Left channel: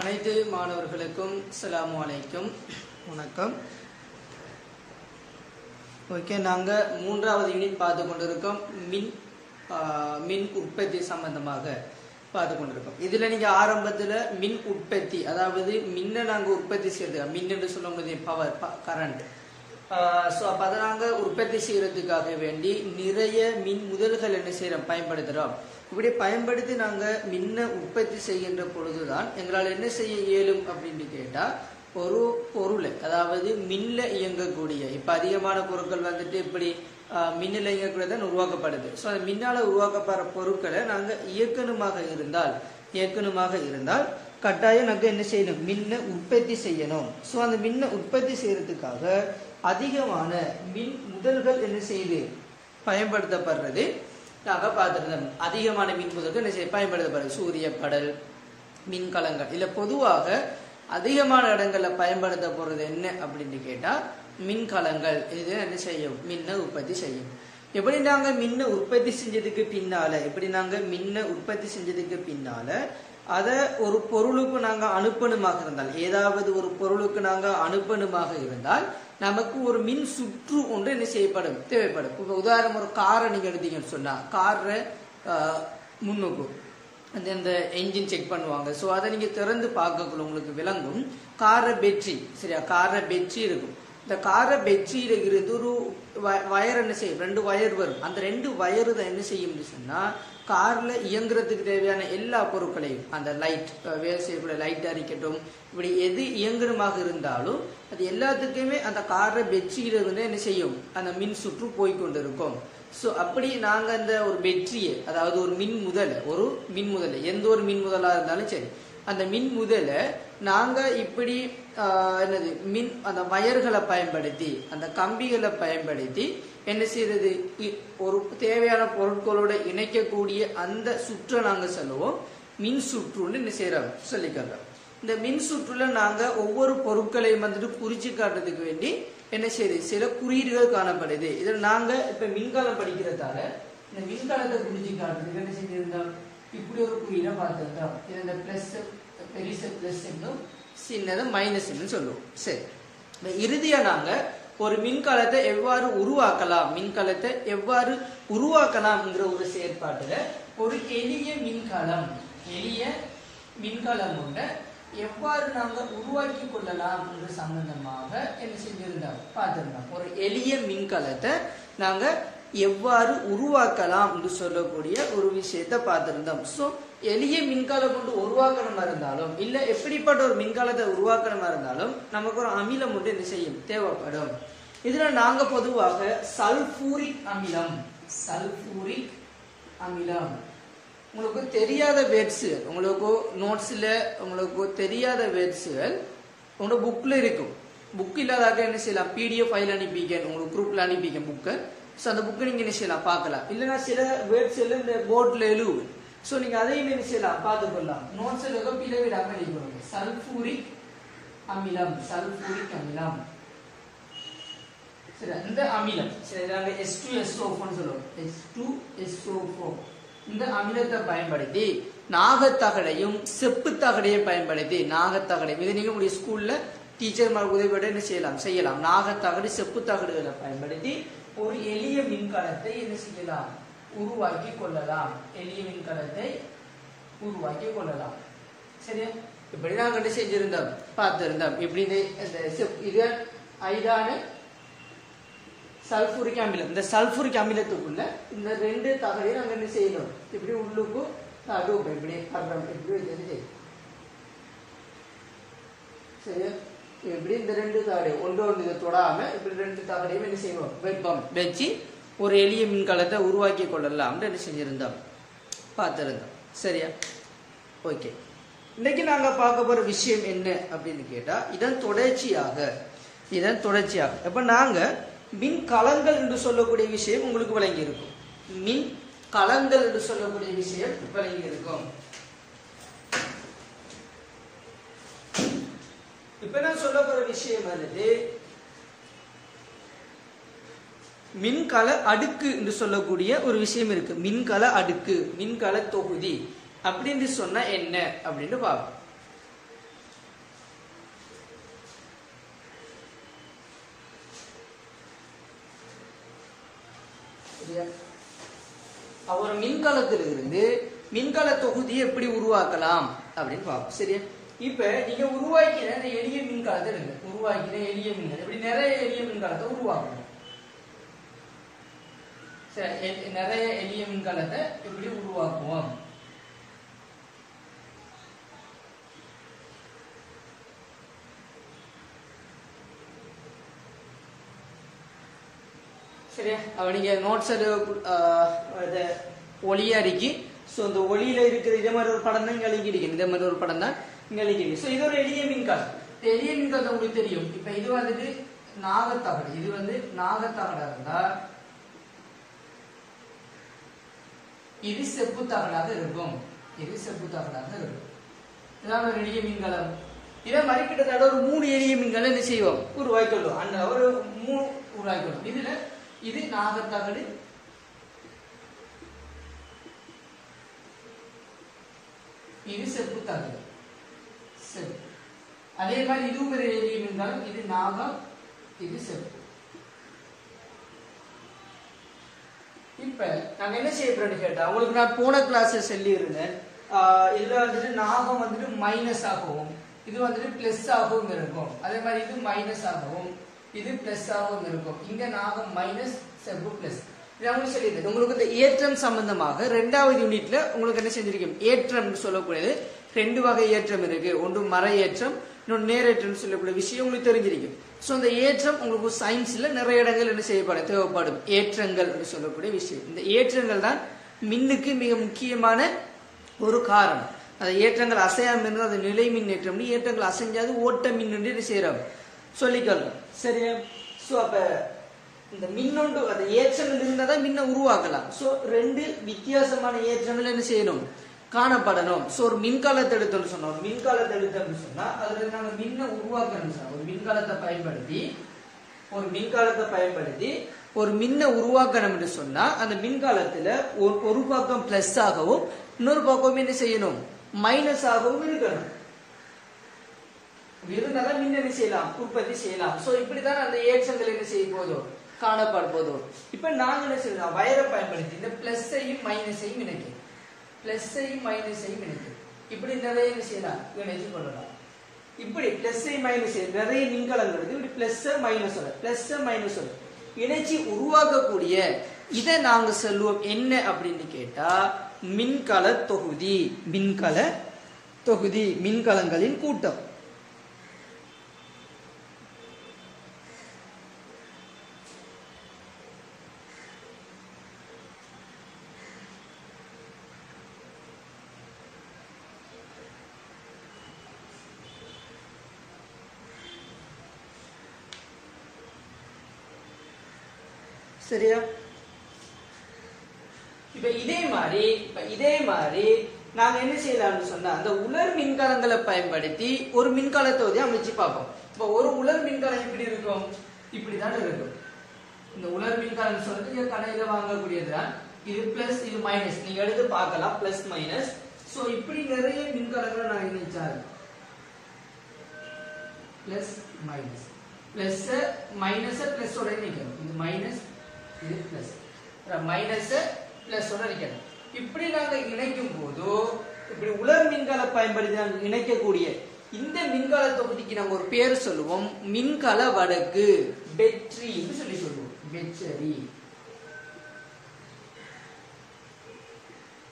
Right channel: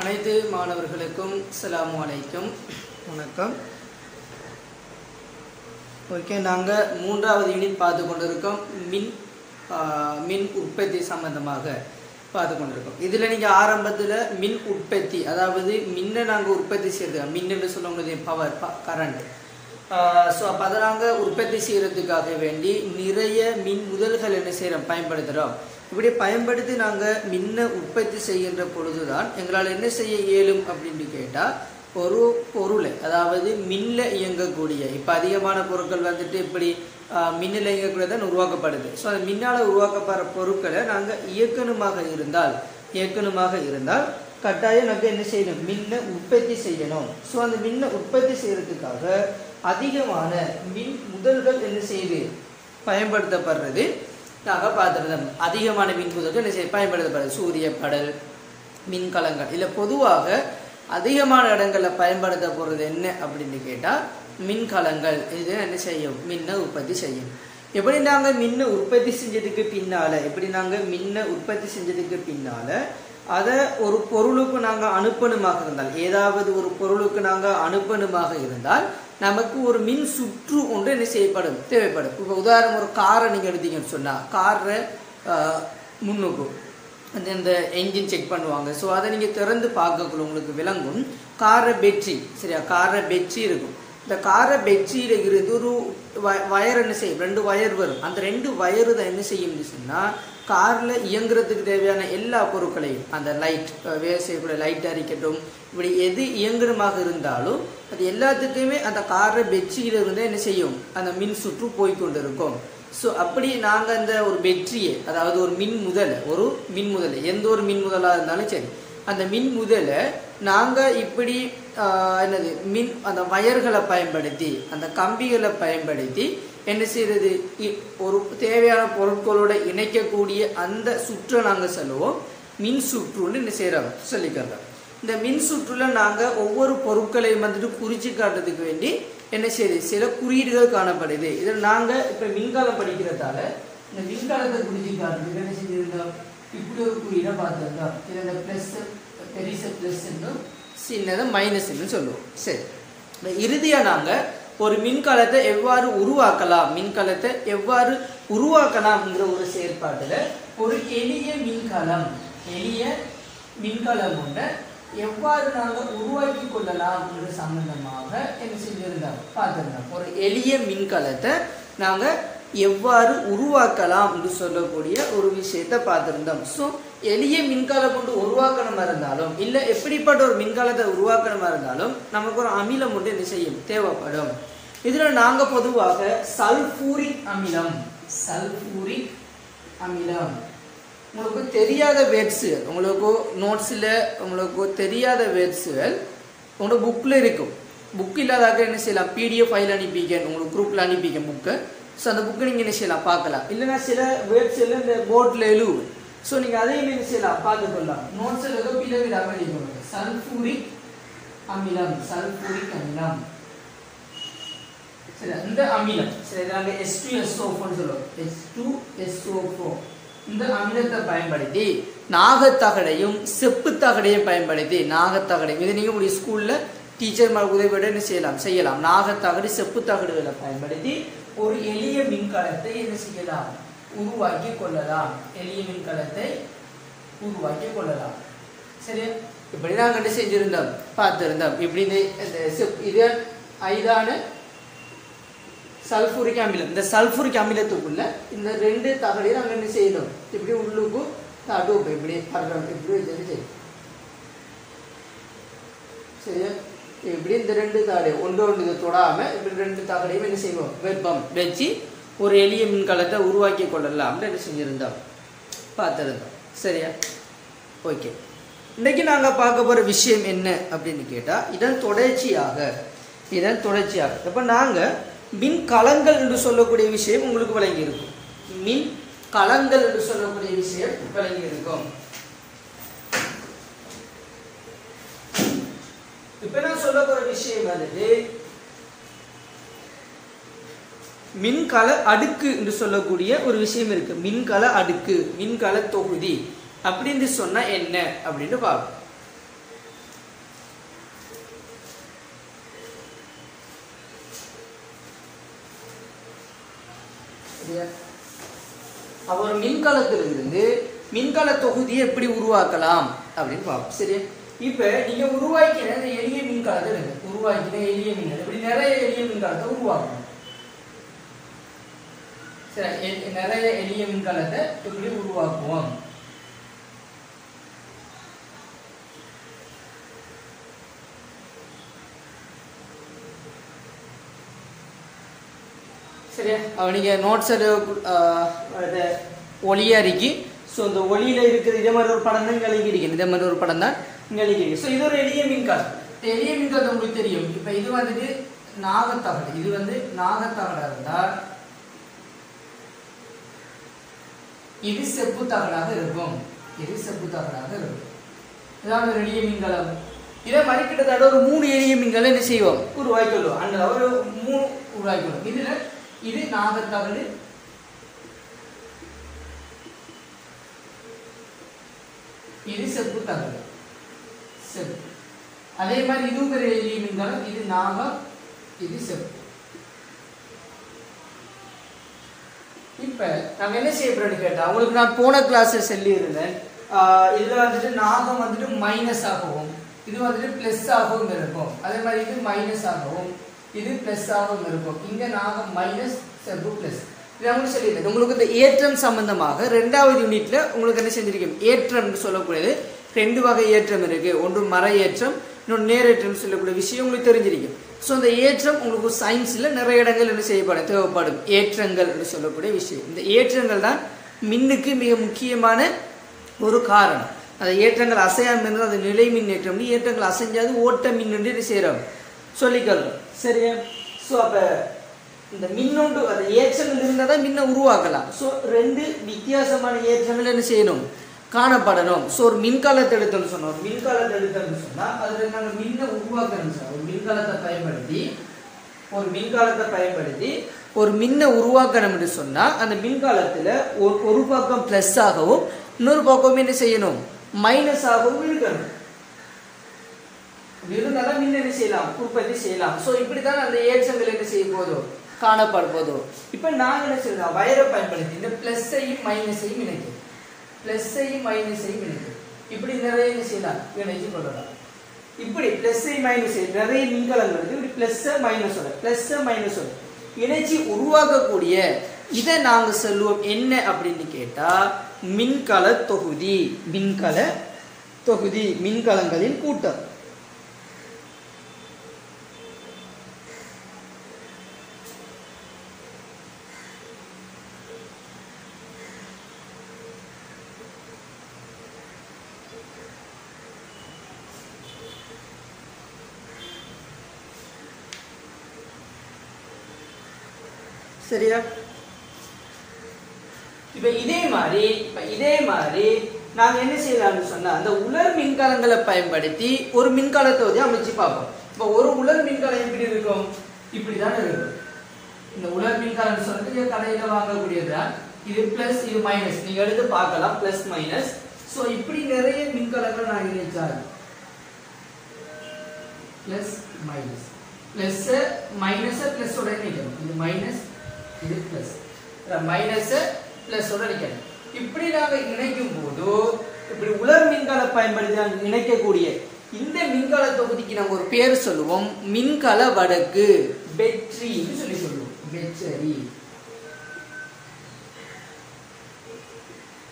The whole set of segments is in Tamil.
அனைத்து மாணவர்களுக்கும் அஸ்ஸலாமு அலைக்கும் வணக்கம். ஓகே, நாங்கள் மூன்றாவது யூனிட் பார்த்து கொண்டிருக்கோம். மின் உற்பத்தி சம்பந்தமாக பார்த்து கொண்டிருக்கோம். இதில் நீங்கள் ஆரம்பத்தில் மின் உற்பத்தி, அதாவது மின்னை நாங்கள் உற்பத்தி செய்யறது, மின் என்று சொல்லும்போது பவர், கரண்ட். ஸோ அப்போ அதை நாங்கள் உற்பத்தி செய்யறதுக்காக வேண்டி நிறைய மின் முதல்கள் என்ன செய்கிறோம், பயன்படுத்துகிறோம். இப்படி பயன்படுத்தி நாங்கள் மின்னை உற்பத்தி செய்கின்ற பொழுதுதான் எங்களால் என்ன செய்ய இயலும் அப்படின்னு கேட்டால், ஒரு பொருளை, அதாவது மின்னில் இயங்கக்கூடிய, இப்போ அதிகமான பொருட்கள் வந்துட்டு இப்படி மின்னில் இயங்கக்கூடியதான் உருவாக்கப்படுது. ஸோ அந்த மின்னால் உருவாக்கப்படுற பொருட்களை நாங்கள் இயக்கணுமாக இருந்தால் கட்டாயம் நாங்கள் என்ன செய்யணும், மின்னை உற்பத்தி செய்யணும். ஸோ அந்த மின்னை உற்பத்தி செய்யறதுக்காக அதிகமான மின் முதல்கள் என்ன செய்யுது, பயன்படுத்தப்படுறது நாங்கள் பார்த்துருந்தோம். அதிகமான மின் முதல்கள் என்ன செய்ய பயன்படுத்தப்படுது, சூரிய படல், மின்கலங்கள். இல்லை பொதுவாக அதிகமான இடங்களில் பயன்படுத்தப்படுறது என்ன அப்படின்னு கேட்டால் மின்கலங்கள். இது என்ன செய்யும், மின்னை உற்பத்தி செய்யும். எப்படி நாங்கள் மின்னை உற்பத்தி செஞ்சதுக்கு பின்னால அதை ஒரு பொருளுக்கு நாங்கள் அனுப்பணுமாக இருந்தால், ஏதாவது ஒரு பொருளுக்கு நாங்கள் அனுப்பணுமாக இருந்தால் நமக்கு ஒரு மின் சுற்று ஒன்று என்ன செய்யப்படும், தேவைப்படும். இப்போ உதாரணம், ஒரு காரை நீங்கள் எடுத்தீங்கன்னு சொன்னால், காரை முன்னுக்கு இந்த என்ஜின் செக் பண்ணுவாங்க. ஸோ அதை நீங்கள் திறந்து பார்க்கக்குள்ள உங்களுக்கு விளங்கும் காரை பேட்டரி, சரியா, காரை பேட்டரி இருக்கும். இந்த காரை பேட்டரியில இருந்து ஒரு வயர் என்ன செய்யும், 2 வயர் வரும். அந்த 2 வயரு தான் என்ன செய்யும் சொன்னால், காரில் இயங்குறதுக்கு தேவையான எல்லா பொருட்களையும், அந்த லைட், வேலை செய்யக்கூடிய லைட்டாக இருக்கட்டும், இப்படி எது இயங்குறமாக இருந்தாலும் அது எல்லாத்துக்குமே அந்த காரை பேட்டரியில இருந்து என்ன செய்யும், அந்த மின் சுற்று போய்கொண்டு இருக்கும். ஸோ அப்படி நாங்கள் அந்த ஒரு பேட்டரியை, அதாவது ஒரு மின் முதலை, எந்த ஒரு மின் முதலாக இருந்தாலும் சரி, அந்த மின் முதலை நாங்கள் இப்படி என்னது அந்த வயர்களை பயன்படுத்தி, அந்த கம்பிகளை பயன்படுத்தி என்ன செய்யறது, ஒரு தேவையான பொருட்களோட இணைக்கக்கூடிய அந்த சுற்றை நாங்கள் சொல்லுவோம் மின் சுற்றுன்னு என்ன செய்யறோம், சொல்லிக்கிறோம். இந்த மின் சுற்றுல நாங்கள் ஒவ்வொரு பொருட்களையும் வந்துட்டு குறிச்சு காட்டுறதுக்கு வேண்டி என்ன செய்யுது, சில குறியீடுகள் காணப்படுது. இதில் நாங்கள் இப்போ மின்காலம் படிக்கிறதால இந்த மின்காலத்தை குறிச்சு காட்டுறதுக்கு என்ன செஞ்சிருந்தோம், இப்படி ஒரு குறியீடை பார்த்துருந்தோம். இதில் பிளஸ், பெரிச பிளஸ் என்னும், சின்னதை மைனஸ் சொல்லுவோம். சரி, இறுதியாக நாங்கள் ஒரு மின்கலத்தை எவ்வாறு உருவாக்கலாம்ங்கிற ஒரு செயற்பாட்டில் ஒரு எளிய மின்கலம் ஒன்றை எவ்வாறு நாங்கள் உருவாக்கி கொள்ளலாம் என்ற சம்பந்தமாக என்ன செஞ்சிருந்தோம், பார்த்துருந்தோம். ஒரு எளிய மின்கலத்தை நாங்கள் எவ்வாறு உருவாக்கலாம் என்று சொல்லக்கூடிய ஒரு விஷயத்தை பார்த்துருந்தோம். ஸோ எளிய மின்கலம் கொண்டு உருவாக்கணுமா இருந்தாலும், இல்லை எப்படிப்பட்ட ஒரு மின்கலத்தை உருவாக்கணுமா இருந்தாலும் நமக்கு ஒரு அமிலம் ஒன்று என்ன செய்யும், தேவைப்படும். இதில் நாங்கள் பொதுவாக சல்பூரிக் அமிலம், உங்களுக்கு தெரியாத வேர்ட்ஸுகள், உங்களுக்கு நோட்ஸில் உங்களுக்கு தெரியாத வேர்ட்ஸுகள் உங்களோட புக்கில் இருக்கும். புக் இல்லாதாக என்ன செய்யலாம், பிடிஎஃப் ஃபைல் அனுப்பிக்க, உங்களுக்கு குரூப்பில் அனுப்பிக்க புக்கு. ஸோ அந்த புக்கு நீங்கள் என்ன செய்யலாம், பார்க்கலாம். இல்லைன்னா சில வேர்ட்ஸ் எல்லாம் இந்த போர்டில் எழுவு. ஸோ நீங்கள் அதையும் என்ன செய்யலாம், பார்த்துக்கொள்ளலாம். நோட்ஸில் ஏதோ பிளவிடாமல் எழுதிக்கொள்ளுங்க. சல்பூரிக் அமிலம். சரி, இந்த அமிலம், சரி, நாங்கள் H2SO4 சொல்லுவோம். H2SO4 இந்த அமிலத்தை பயன்படுத்தி நாகத்தகடையும் செப்பு தகடையும் பயன்படுத்தி, இதை நீங்கள் உங்களுடைய ஸ்கூலில் டீச்சர் உதவியோட என்ன செய்யலாம். நாகத்தகடு, செப்பு தகடுகளை பயன்படுத்தி ஒரு எளிய மின்கலத்தை என்ன செய்யலாம், உருவாக்கி கொள்ளலாம். சரி, இப்படி நாங்கள் என்ன செஞ்சிருந்தோம், பார்த்திருந்தோம். இப்படி இது ஐதான சல்பூரிக் அமிலம். இந்த சல்பூரிக் அமிலத்துக்குள்ள இந்த 2 தகடையும் நாங்கள் என்ன செய்யணும், இப்படி உள்ளுக்கு தடுப்பு இப்படி செய்யும். சரியா, இப்படி இந்த 2 தகடையும் ஒன்று தொடாம இப்படி 2 தகடையும் என்ன செய்வோம், வெப்பம் வச்சு ஒரு எளிய மின்கலத்தை உருவாக்கி கொள்ளலாம் என்ன செஞ்சிருந்தோம், பார்த்திருந்தோம். சரியா, ஓகே. இன்னைக்கு நாங்கள் பார்க்க போற விஷயம் என்ன அப்படின்னு கேட்டா, இதன் தொடர்ச்சியாக இப்ப நாங்கள் மின்கலங்கள் என்று சொல்லக்கூடிய விஷயம் உங்களுக்கு விளங்கி இருக்கும். மின்கலங்கள் என்று சொல்லக்கூடிய விஷயம் விளங்கி இருக்கும். இப்ப நான் சொல்ல போற விஷயம் வந்து மின்கல அடுக்கு என்று சொல்லக்கூடிய ஒரு விஷயம் இருக்கு. மின்கல அடுக்கு, மின்கல தொகுதி அப்படின்னு சொன்னா என்ன அப்படின்னு பார்ப்போம். ஒரு மின்கலத்திலிருந்து மின்கல தொகுதியை எப்படி உருவாக்கலாம் அப்படின்னு பார்ப்போம். சரியா? இப்ப நீங்க உருவாக்கின எளிய மின்கலத்தை இப்படி நிறைய எளிய மின்கலத்தை உருவாக்கணும். சரி, நிறைய எளிய மின்கலத்தை இப்படி உருவாக்குவோம். சரியா? நீங்க நோட்ஸ் ஒளியா இருக்கு. ஸோ இந்த ஒளியில இருக்கிற இதே மாதிரி ஒரு படம் தான் இங்கே எழுதியிருக்கேன். இதே மாதிரி ஒரு படம் தான் இங்கே எழுதியிருக்கேன். ஸோ இது ஒரு எளிய மின்கலம். எளிய மின்கலம் உங்களுக்கு தெரியும். இப்போ இது வந்துட்டு நாகத்தகடு. இது வந்து நாகத்தகடா இருந்தால் இது செப்பு தகடாக இருக்கும். இதான் ஒரு எளிய மின்கலம். இதே மாதிரி கிட்டத்தட்ட ஒரு 3 எளிய மின்கலம் என்ன செய்வோம்? உருவாக்கிடுவோம். அந்த ஒரு 3 உருவாக்கிடுவோம். இதுல இது நாகத்தகடு, இது செப்பு தகடு. அதே மாதிரி இதுவும் ஒரு எளிய மின்கலம். இது நாகம், இது செப்பு. இப்ப நாங்க என்ன செய்ய போறோம்னு கேட்டா, உங்களுக்கு நான் போன கிளாஸ் சொல்லி இருந்தேன். இதுல வந்துட்டு நாகம் வந்துட்டு மைனஸ் ஆகவும், இது வந்துட்டு பிளஸ் ஆகவும் இருக்கும். அதே மாதிரி இது மைனஸ் ஆகவும், இது பிளஸ் ஆகவும் இருக்கும். இங்க நாகம் மைனஸ், செப்பு பிளஸ். உங்களுக்கு இந்த ஏற்றம் சம்பந்தமாக 2வது யூனிட்ல உங்களுக்கு என்ன செஞ்சிருக்கேன்? ஏற்றம் சொல்லக்கூடியது 2 வகை ஏற்றம் இருக்கு. ஒன்று மர ஏற்றம், இன்னொன்று நேரேற்றம் சொல்லக்கூடிய விஷயம் உங்களுக்கு தெரிஞ்சிருக்கும். ஸோ அந்த ஏற்றம் உங்களுக்கு சயின்ஸ்ல நிறைய இடங்கள் என்ன செய்யப்படும்? தேவைப்படும் ஏற்றங்கள் என்று சொல்லக்கூடிய விஷயம். இந்த ஏற்றங்கள் தான் மின்னுக்கு மிக முக்கியமான ஒரு காரணம். அந்த ஏற்றங்கள் அசையாம இருந்தால் அது நிலை மின் ஏற்றம். ஏற்றங்கள் அசைஞ்சாது ஓட்ட மின் என்று செய்யறோம் சொல்லிக்கலாம். சரியா? ஸோ அப்ப இந்த மின்னொன்று அந்த ஏற்றங்கள் இருந்தால் தான் மின்னை உருவாக்கலாம். ஸோ 2 வித்தியாசமான ஏற்றங்கள் என்ன செய்யணும்? காணப்படணும். ஸோ ஒரு மின்கலத்தை எடுத்தோம்னு சொன்னோம். அதுல நாங்கள் மின்னை உருவாக்கணும். ஒரு மின்கலத்தை பயன்படுத்தி ஒரு மின்னை உருவாக்கணும் என்று சொன்னா அந்த மின்கலத்துல ஒரு பக்கம் பிளஸ் ஆகவும் இன்னொரு பக்கம் என்ன செய்யணும்? மைனஸ் ஆகவும் இருக்கணும். இருந்தாதான் மின் என்ன செய்யலாம்? உற்பத்தி செய்யலாம். ஸோ இப்படித்தான் அந்த ஏற்றங்கள் என்ன செய்ய போதும்? காணப்பட போதும். இப்ப நாங்க என்ன செய்யலாம்? வயரை பயன்படுத்தி இந்த பிளஸ்ஸையும் மைனஸையும் இணைக்கும். இப்படி நிறைய என்ன செய்யலாம்? இணைச்சு கொள்ளலாம். இப்படி பிளஸ் மைனஸ் நிறைய மின்கலங்கள் இருக்கு. இப்படி பிளஸ் மைனஸ் இணைச்சி உருவாக்கக்கூடிய இதை நாங்க சொல்லுவோம் என்ன அப்படின்னு கேட்டா மின்கல தொகுதி. மின்கலங்களின் கூட்டம். சரியா? இப்ப இதே மாதிரி நாங்க என்ன செய்யலாம்னு சொன்னா அந்த உலர் மின்கலங்களை பயன்படுத்தி ஒரு மின்கல தொகுதியை அமைச்சு பார்ப்போம். இப்ப ஒரு உலர் மின்கலம் எப்படி இருக்கும்? இப்படிதான் இருக்கும். இந்த உலர் மின்கலம் சொல்றது கடையில வாங்கக்கூடியதுதான். இது பிளஸ், இது மைனஸ். நீங்க எடுத்து பார்க்கலாம் பிளஸ் மைனஸ். சோ இப்படி நிறைய மின்கலங்கள் நான் இணைச்சாரு. Plus minus, plus minus plus ஓட இணைக்கணும். இது மைனஸ், இது பிளஸ், மைனஸ் பிளஸ் ஓட இணைக்கணும். இப்படி நாங்க இணைக்கும் போது இப்படி உலர் மின்கல பயன்படுத்தி இணைக்கக்கூடிய இந்த மின்கல தொகுதிக்கு நம்ம ஒரு பேர் சொல்லுவோம் மின்கல வடக்கு. பேட்டரின்னு சொல்லி சொல்லுவோம். பேட்டரி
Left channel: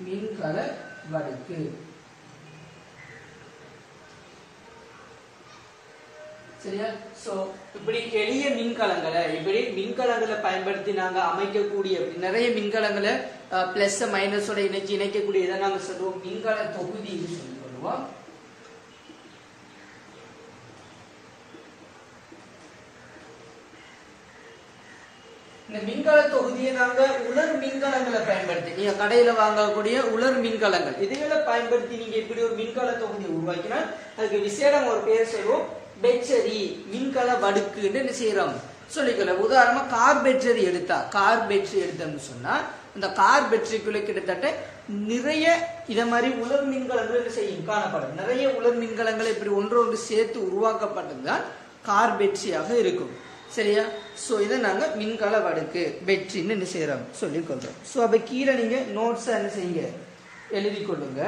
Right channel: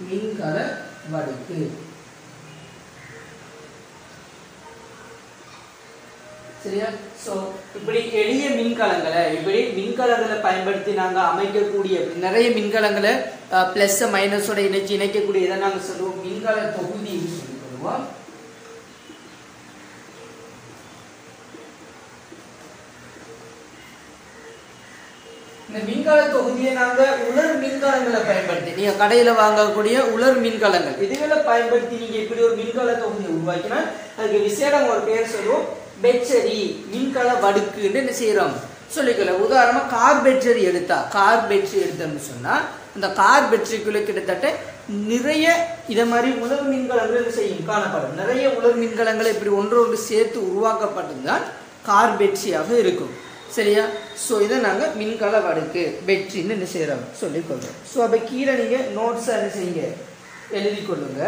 மின்கல வடக்கு. சரியா? சோ இப்படி எளிய மின்கலங்களை பயன்படுத்தி நாங்க அமைக்கக்கூடிய நிறைய மின்கலங்களை பிளஸ் மைனஸோட இணைக்கக்கூடிய இதை நாங்க சொல்லுவோம் மின்கல தொகுதி சொல்லுவோம். இந்த மின்கல தொகுதியை நாங்க உலர் மின்கலங்களை பயன்படுத்தி நீங்க கடையில வாங்கக்கூடிய உலர் மின்கலங்கள் இதுகளை பயன்படுத்தி நீங்க இப்படி ஒரு மின்கல தொகுதியை உருவாக்கினா அதுக்கு விசேடம் ஒரு பேர் சொல்லுவோம் பேட்டரி மின்கல வடுக்குன்னு என்ன செய்யறோம் சொல்லிக்கலாம். உதாரணமா கார் பேட்டரி எடுத்தோம்னு சொன்னா அந்த கார் பேட்டரிக்குள்ள கிட்டத்தட்ட நிறைய இத மாதிரி உலர் மின்கலங்கள் செய்யும் காணப்படும். நிறைய உலர் மின்கலங்களை இப்படி ஒன்றோடு சேர்த்து உருவாக்கப்பட்டதுதான் கார் பேட்டரியாக இருக்கும். சரியா? ஸோ இதை நாங்கள் மின்கல வடுக்கு வெற்றின்னு என்ன செய்கிறோம் சொல்லிக்கொள்கிறோம். ஸோ அப்போ கீழே நீங்கள் நோட்ஸாக என்ன செய்யுங்க எழுதி கொள்ளுங்க.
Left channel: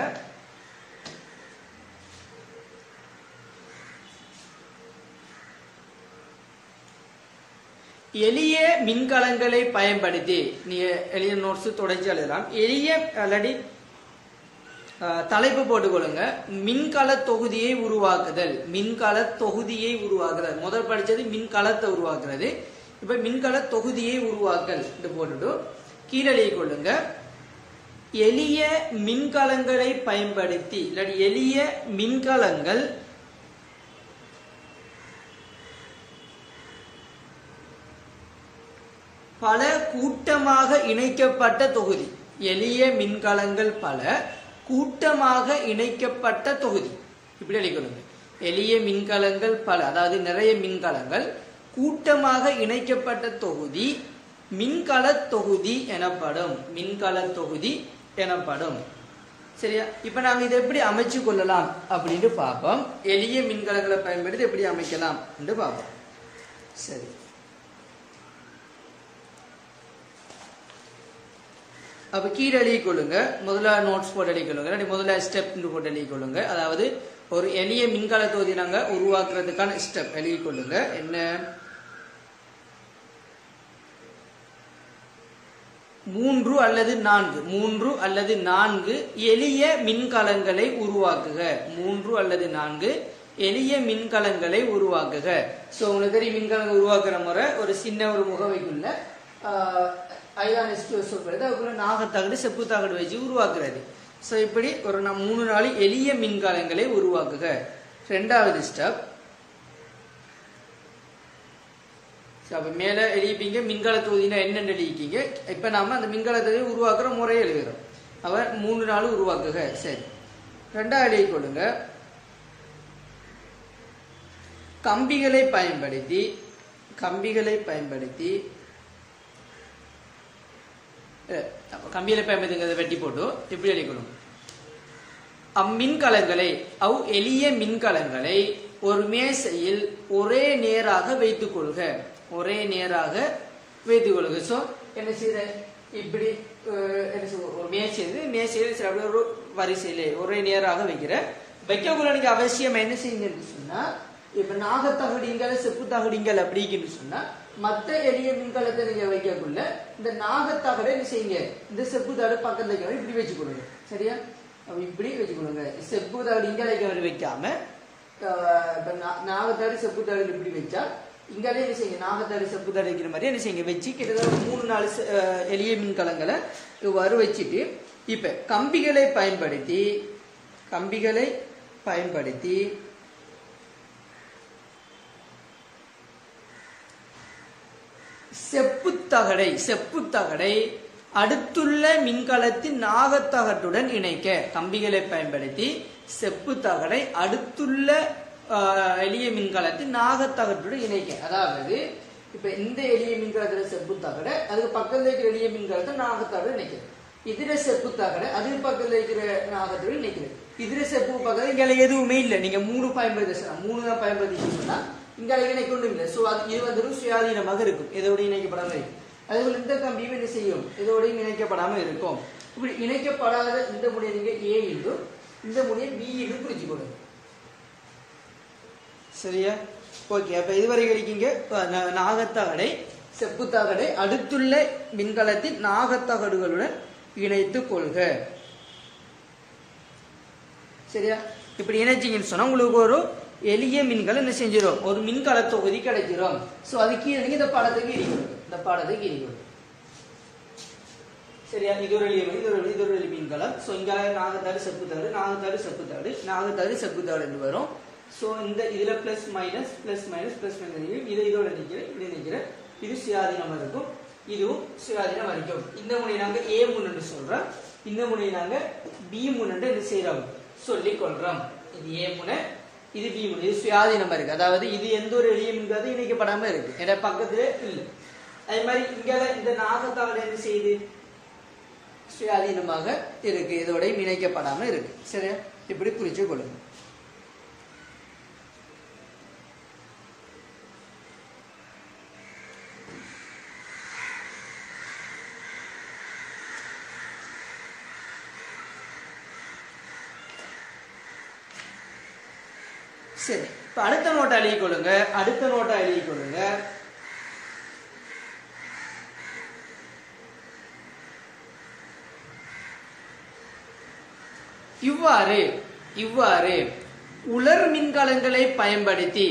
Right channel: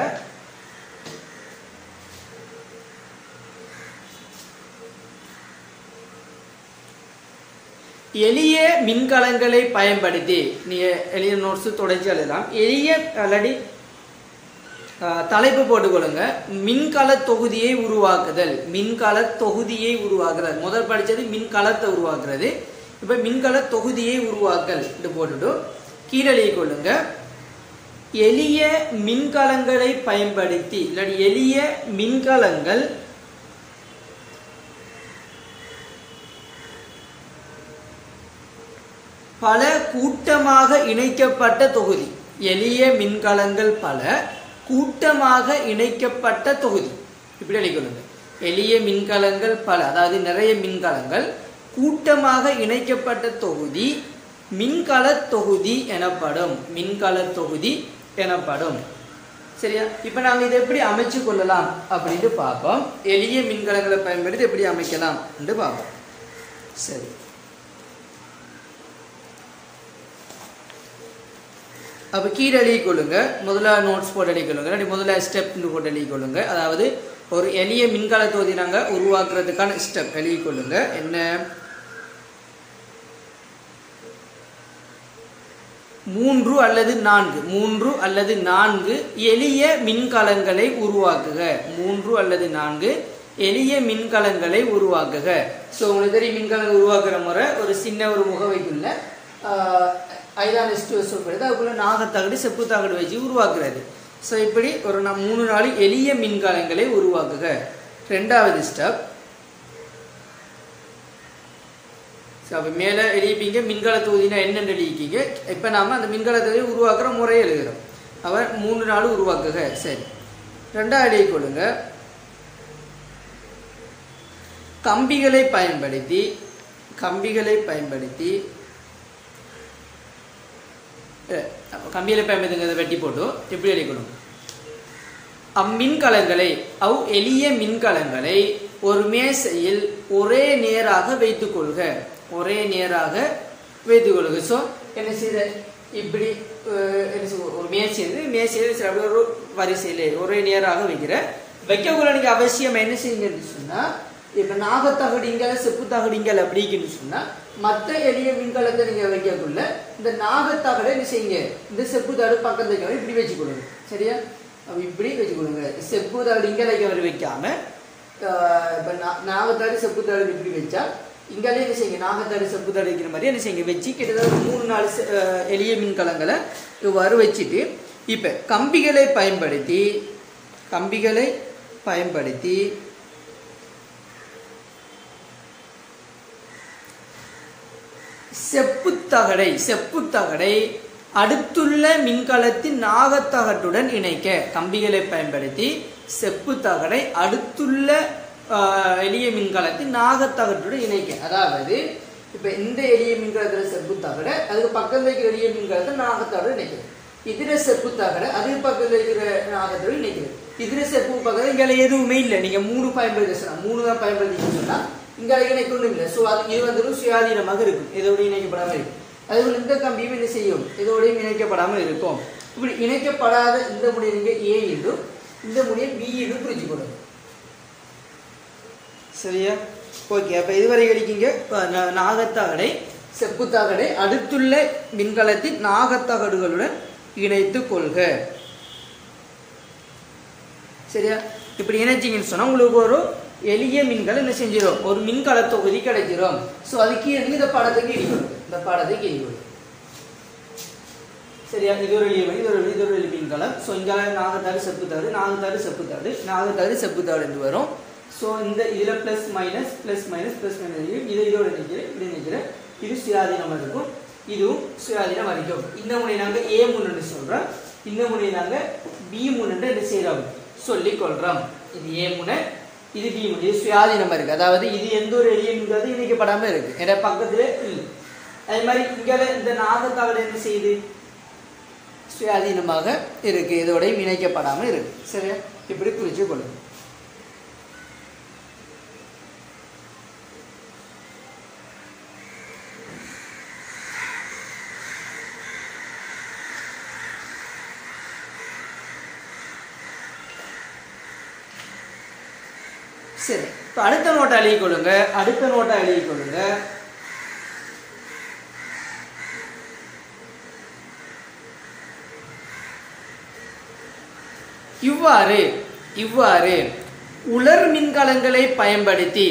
எளிய மின்கலங்களை பயன்படுத்தி நீங்க எளிய நோட்ஸ் தொடர்ச்சி எழுதலாம். எளிய அல்லடி தலைப்பு போட்டுக்கொள்ளுங்க. மின்கல தொகுதியை உருவாக்குதல். மின்கல தொகுதியை உருவாக்குதல் முதல் படிச்சது மின்கலத்தை உருவாக்குறது. இப்ப மின்கல தொகுதியை உருவாக்கல் இது போட்டுட்டு கீழே எழுதி கொள்ளுங்க. எளிய மின்கலங்களை பயன்படுத்தி இல்லாட்டி எளிய மின்கலங்கள் பல கூட்டமாக இணைக்கப்பட்ட தொகுதி. எளிய மின்கலங்கள் பல கூட்டமாக இணைக்கப்பட்ட தொகுதி. இப்படி எழுதிக்கொள்ளுங்க. எளிய மின்கலங்கள் பல, அதாவது நிறைய மின்கலங்கள் கூட்டமாக இணைக்கப்பட்ட தொகுதி மின்கல தொகுதி எனப்படும். மின்கல தொகுதி எனப்படும். சரியா? இப்ப நாங்க இதை எப்படி அமைச்சு கொள்ளலாம் அப்படின்னு பார்ப்போம். எளிய மின்கலங்களை பயன்படுத்தி எப்படி அமைக்கலாம் என்று பார்ப்போம். சரி, அப்போ கீழே எழுதி கொள்ளுங்க. முதல்ல நோட்ஸ் போட்டு எழுதி கொள்ளுங்க. முதல்ல ஸ்டெப் போட்டு எழுதி கொள்ளுங்க. அதாவது ஒரு எளிய மின்கல தொகுதி நாங்கள் உருவாக்குறதுக்கான ஸ்டெப் எழுதி கொள்ளுங்க. என்ன? 3 அல்லது 4 எளிய மின்கலங்களை உருவாக்குக. 3 அல்லது 4 எளிய மின்கலங்களை உருவாக்குக. ஸோ உங்களுக்கு தெரியும் மின்கலங்களை உருவாக்குற முறை ஒரு சின்ன ஒரு முகவைக்குள்ள சொல்றது அதுக்குள்ள நாகத்தகடு செப்பு தகடு வச்சு உருவாக்குறது. ஸோ இப்படி ஒரு 3-4 எளிய மின்கலங்களை உருவாக்குக. ரெண்டாவது ஸ்டெப், மேல எழுதிப்பீங்க மின்கல தொகுதினா என்னென்னு எழுதிக்கீங்க. இப்ப நாம அந்த மின்கல தொகுதியை உருவாக்குற முறையை எழுதுகிறோம். அவர் 3-4 உருவாக்குக. சரி, ரெண்டாவது எழுதி கொள்ளுங்க. கம்பிகளை பயன்படுத்தி கம்பிகளை வெட்டி போட்டு எப்படி எழுதிக்கணும்? அம்மின்கலங்களை எளிய மின்கலங்களை ஒரு மேசையில் ஒரே நேராக வைத்துக் கொள்க. ஸோ என்ன செய்யற? இப்படி ஒரு மேசையில் ஒரு வரிசையில ஒரே நேராக வைக்கக்குள்ள நீங்க அவசியம் என்ன செய்யுங்கன்னு சொன்னா, இப்ப நாகத்தகடிங்கள் செப்பு தகடிங்கள் அப்படின்னு சொன்னா மற்ற எளிய மின்கலத்தை நீங்க வைக்கக்குள்ள இந்த நாகத்தகடை என்ன செய்யுங்க, இந்த செப்பு தகடு பக்கத்துல இப்படி வச்சு கொடுங்க. சரியா? இப்படி வச்சு கொடுங்க. செப்பு தகடு இங்கே வைக்காம இப்ப நாகத்தாடு செப்பு தகடு இப்படி வச்சா இங்காலே என்ன செய்யுங்க, நாகத்தாடு செப்பு தகடு வைக்கிற மாதிரி என்ன செய்யுங்க வச்சு கிட்டத்தட்ட 3-4 எளிய மின்கலங்களை இவ்வாறு வச்சுட்டு இப்ப கம்பிகளை பயன்படுத்தி செப்புத்தகடை அடுத்துள்ள மின்கலத்தின் நாகத்தகட்டுடன் இணைக்க. கம்பிகளை பயன்படுத்தி செப்புத்தகடை அடுத்துள்ள எளிய மின்கலத்தின் நாகத்தகட்டுடன் இணைக்க. அதாவது இப்ப இந்த எளிய மின்கலத்துல செப்புத்தகடை அதுக்கு பக்கத்துல இருக்கிற எளிய மின்கலத்தை நாகத்தகடு இணைக்கிறது. இதுல செப்புத்தகடை அது பக்கத்துல இருக்கிற நாகத்தோடு இணைக்கிறது. இதுல செப்பு பக்கத்துல இங்க எதுவுமே இல்லை. நீங்க 3 பயன்படுத்தி 3 தான் பயன்படுத்தி சொன்னா இங்க இணைக்கணும் இல்லை. ஸோ அது இது வந்து சுயாதீனமாக இருக்கும், இதோட இணைக்கப்படாமல் இருக்கும். அதேபோல் இந்த கம்பியும் என்ன செய்யும், இதோடையும் இணைக்கப்படாமல் இருக்கும். இப்படி இணைக்கப்படாத இந்த முடியை நீங்க ஏ என்றும் இந்த முடியை பி என்றும் புரிஞ்சு கொடுங்க. சரியா? ஓகே. அப்ப இதுவரை கிடைக்கீங்க நாகத்தகடை செப்புத்தகடை அடுத்துள்ள மின்கலத்தின் நாகத்தகடுகளுடன் இணைத்து கொள்க. சரியா? இப்படி இணைச்சிங்கன்னு சொன்னா உங்களுக்கு ஒரு எளிய மின்கலம் என்ன செஞ்சிடும், ஒரு மின்கல தொகுதி கிடைச்சிடும். ஸோ அதுக்கு இந்த பாடத்துக்கு இடிக்கும். சரியா? இது ஒரு எளிய மின்கலம். ஸோ இங்கே நாகத்தாடு செப்புத்தாடு என்று வரும். ஸோ இந்த இதுல பிளஸ் மைனஸ் இதை இதோட இப்படி நினைக்கிறேன். இது சுயாதீனமா இருக்கும், இதுவும் சுயாதீனம் வரைக்கும். இந்த முனை நாங்க ஏ முன்னு சொல்றோம், இந்த முனை நாங்க பி முன்னு என்ன செய்யறோம் சொல்லிக் கொள்றோம். இது ஏ முனை, இது பி முனை, இது சுயாதீனமா இருக்கு. அதாவது இது எந்த ஒரு எளிய மின்கலத்தையும் இணைக்கப்படாம இருக்கு, என பக்கத்துல இல்லை. அதே மாதிரி இங்க இந்த நாகத்தகடு என்ன செய்யுது, சுயாதீனமாக இருக்கு, இதோடையும் இணைக்கப்படாம இருக்கு. சரியா? இப்படி புரிச்சு கொள்ளுங்க. சரி, இப்போ அடுத்த நோட்டை எழுதிக் கொள்ளுங்க. அடுத்த நோட்டை எழுதிக் கொள்ளுங்க. இவ்வாறு உலர் மின்கலங்களை பயன்படுத்தி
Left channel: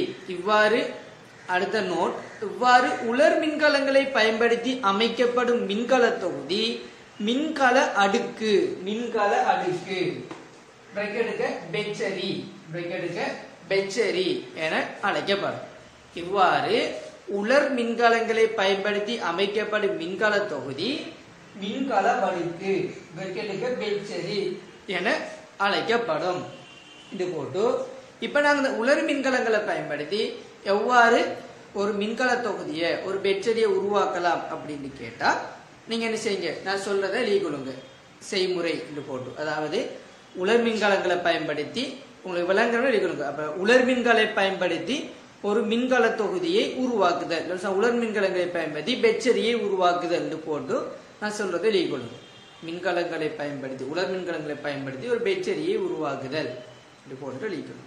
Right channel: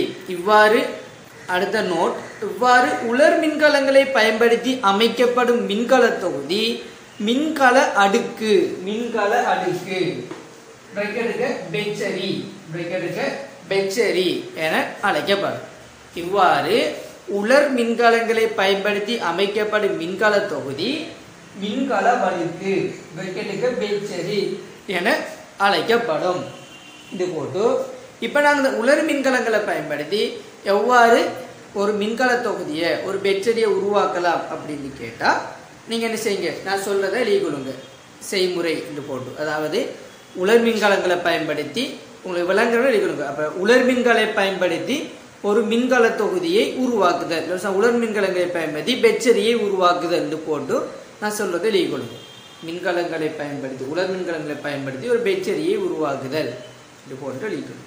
அடுத்த நோட், இவ்வாறு உலர் மின்கலங்களை பயன்படுத்தி அமைக்கப்படும் மின்கல தொகுதி மின்கல அடுக்கு பெச்சரி என அழைக்கப்படும். இவ்வாறு உலர் மின்கலங்களை பயன்படுத்தி அமைக்கப்படும் மின்கல தொகுதி மின்கல அடுக்கு பெச்சரி என அழைக்கப்படும். இது போட்டு இப்ப நாங்க இந்த உலர் மின்கலங்களை பயன்படுத்தி எவ்வாறு ஒரு மின்கல தொகுதியை ஒரு பெச்சரியை உருவாக்கலாம் அப்படின்னு கேட்டா நீங்க என்ன செய்யுங்க, நான் சொல்றதை எழுதிக் கொள்ளுங்க. செய்முறை என்று போட்டு, அதாவது உலர் மின்கலங்களை பயன்படுத்தி உங்களுக்கு விளங்குறத எழுதிக் கொள்ளுங்க. அப்ப உலர் மின்கலை பயன்படுத்தி ஒரு மின்கல தொகுதியை உருவாக்குதல், உலர் மின்கலங்களை பயன்படுத்தி பெச்சரியை உருவாக்குதல் என்று போட்டு நான் சொல்றதை எழுதிக் கொள்ளுங்க. மின்கலங்களை பயன்படுத்தி உலர் மின்கலங்களை பயன்படுத்தி ஒரு பெச்சரியை உருவாக்குதல் இது போன்று எழுதிக்கணும்.